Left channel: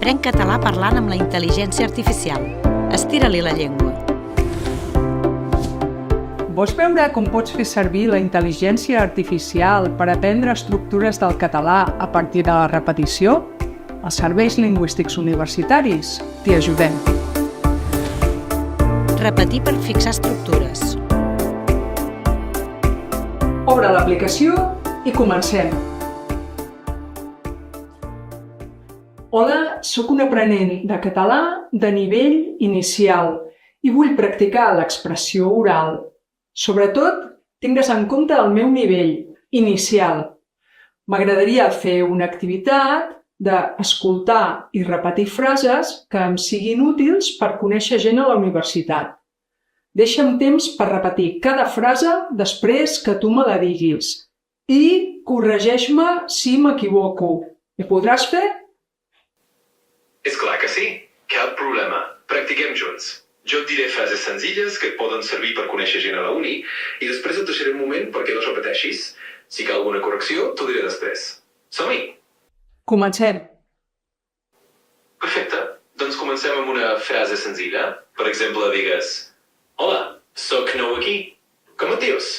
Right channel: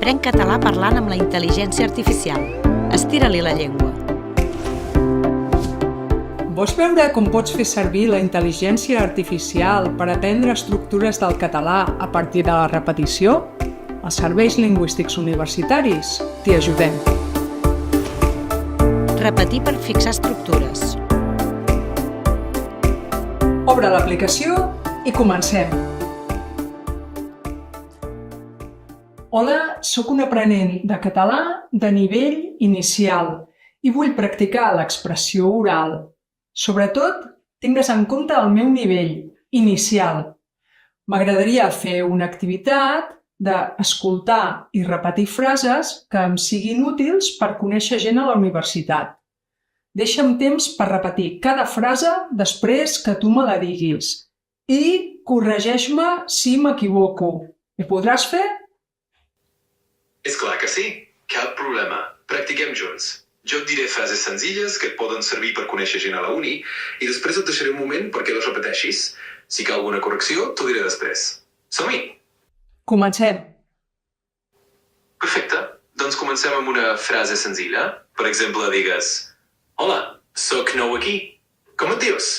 Aprèn català parlant amb la intel·ligència artificial. Estira-li la llengua. Vols veure com pots fer servir la intel·ligència artificial per aprendre estructures del català a partir de la repetició? Els serveis lingüístics universitaris t'hi ajudem. Repetir per fixar estructures. Obre l'aplicació i comencem. Hola, sóc un aprenent de català de nivell inicial i vull practicar l'expressió oral. Sobretot, tingues en compte el meu nivell inicial. M'agradaria fer una activitat d'escoltar i repetir frases que em siguin útils per conèixer gent a la universitat. Deixa'm temps per repetir cada frase després que tu me la diguis i corregeix-me si m'equivoco. Ho podràs fer? És clar que sí, cap problema. Practiquem junts. Jo et diré frases senzilles que et poden servir per conèixer gent a la uni i després et deixaré un moment perquè les repeteixis. Si cal alguna correcció, t'ho diré després. Som-hi! Comencem. Perfecte. Doncs comencem amb una frase senzilla. Per exemple, digues: Hola, sóc nou aquí. Com et dius?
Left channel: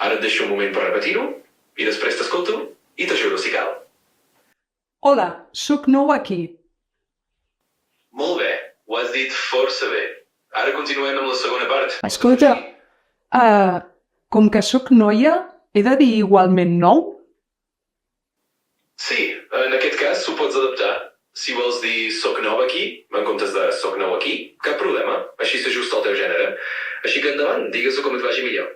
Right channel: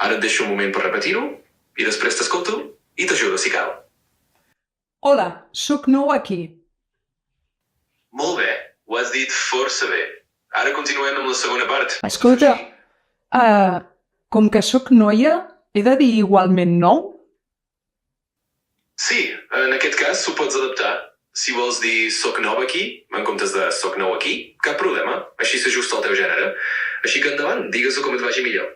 Ara et deixo un moment per repetir-ho i després t'escolto i t'ajudo si cal. Hola, sóc nou aquí. Molt bé, ho has dit força bé. Ara continuem amb la segona part. Escolta, com que sóc noia, he de dir igualment nou? Sí, en aquest cas s'ho pots adaptar. Si vols dir soc nou aquí, en comptes de soc nou aquí, cap problema. Així s'ajusta al teu gènere. Així que endavant, digues-ho com et vagi millor.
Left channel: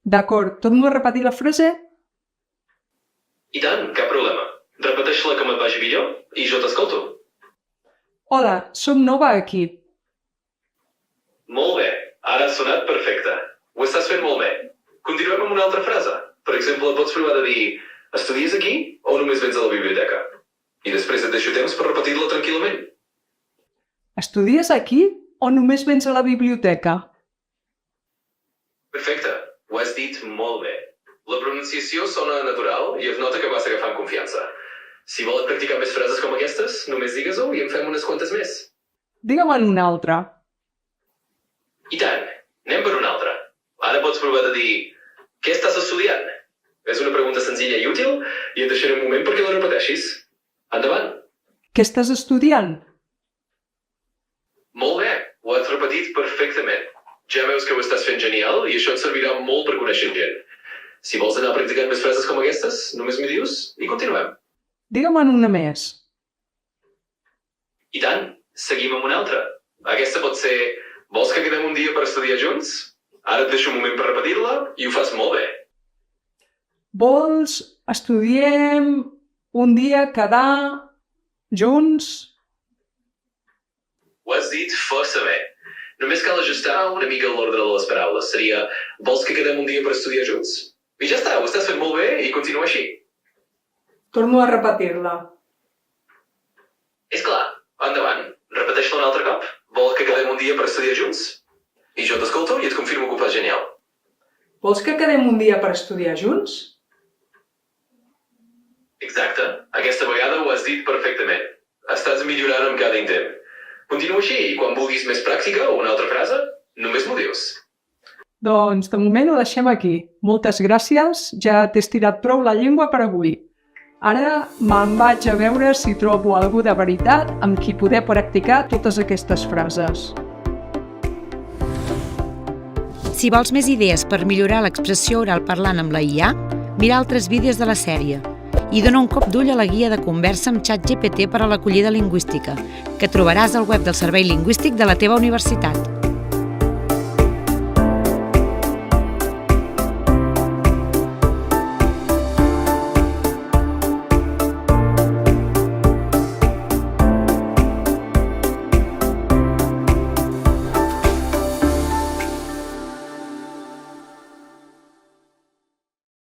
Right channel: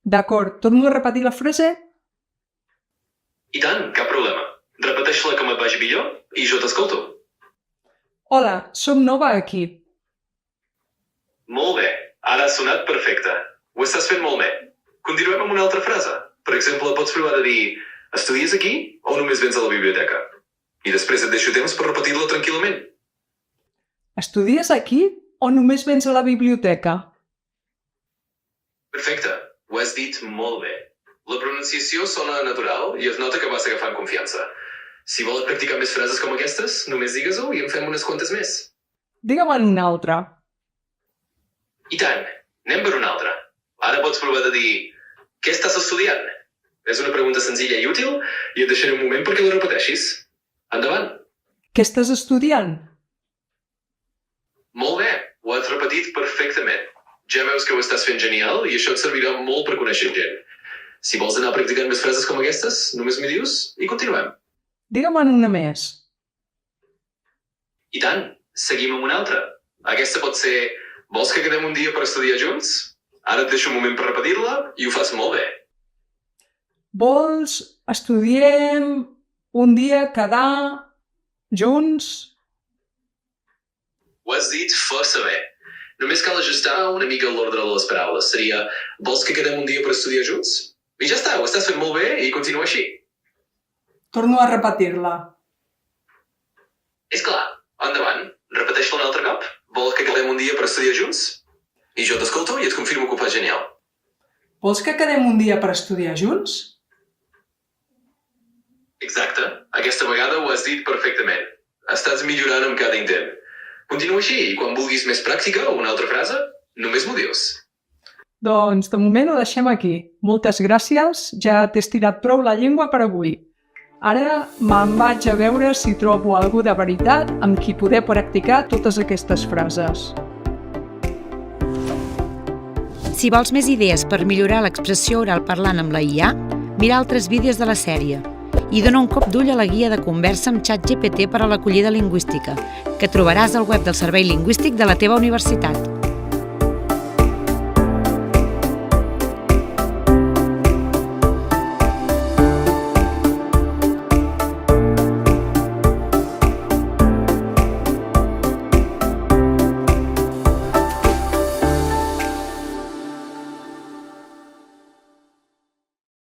D'acord, torno a repetir la frase? I tant, cap problema. Repeteix-la com et vagi millor i jo t'escolto. Hola, sóc nova aquí. Molt bé, ara ha sonat perfecte. Ho estàs fent molt bé. Continuem amb una altra frase. Per exemple, pots provar de dir: estudies aquí o només vens a la biblioteca? I després et deixo temps per repetir-la tranquil·lament. Estudies aquí o només vens a la biblioteca? Perfecte, ho has dit molt bé. La pronunciació sona natural i es nota que vas agafant confiança. Si vols practicar més frases com aquestes, només digues-ho i en fem unes quantes més. Digue'm una altra. I tant, anem per una altra. Ara pots provar de dir: què estàs estudiant? És una pregunta senzilla i útil i et deixaré un moment perquè la repeteixis. Endavant. Què estàs estudiant? Molt bé, ho has repetit perfectament. Ja veus que ho estàs fent genial i això et servirà molt per conèixer gent. Si vols anar practicant més frases com aquestes, només m'hi dius i continuem. Digue'm una més. I tant, seguim amb una altra. Aquesta pot ser: vols que quedem un dia per estudiar junts? Ara et deixo un moment per repetir-la i ho fas molt bé. Vols estudiem un dia quedar junts? Ho has dit força bé. Només cal ajustar una mica l'ordre de les paraules. Seria: vols que quedem un dia per estudiar junts? I ja està, ho estàs fent molt bé i continua així. Torno a repetir-la. És clar, endavant, repeteix-la un altre cop. Vols que quedem un dia per estudiar junts? I jo t'escolto i et confirmo que ho fas genial. Vols que quedem un dia per estudiar junts? Exacte, aquesta vegada ho has dit perfectament. Estàs millorant amb cada intent. Continua així i quan vulguis més pràctica o una altra frase, només m'ho dius. Doncs de moment ho deixem aquí. Moltes gràcies, ja t'he estirat prou la llengua per avui. Ara me'n vaig a veure si trobo algú de veritat amb qui poder practicar totes aquestes frases. Si vols més idees per millorar l'expressió oral parlant amb la IA, mira altres vídeos de la sèrie i dona un cop d'ull a la guia de conversa amb ChatGPT per a l'acollida lingüística, que trobaràs al web del Servei Lingüístic de la teva universitat.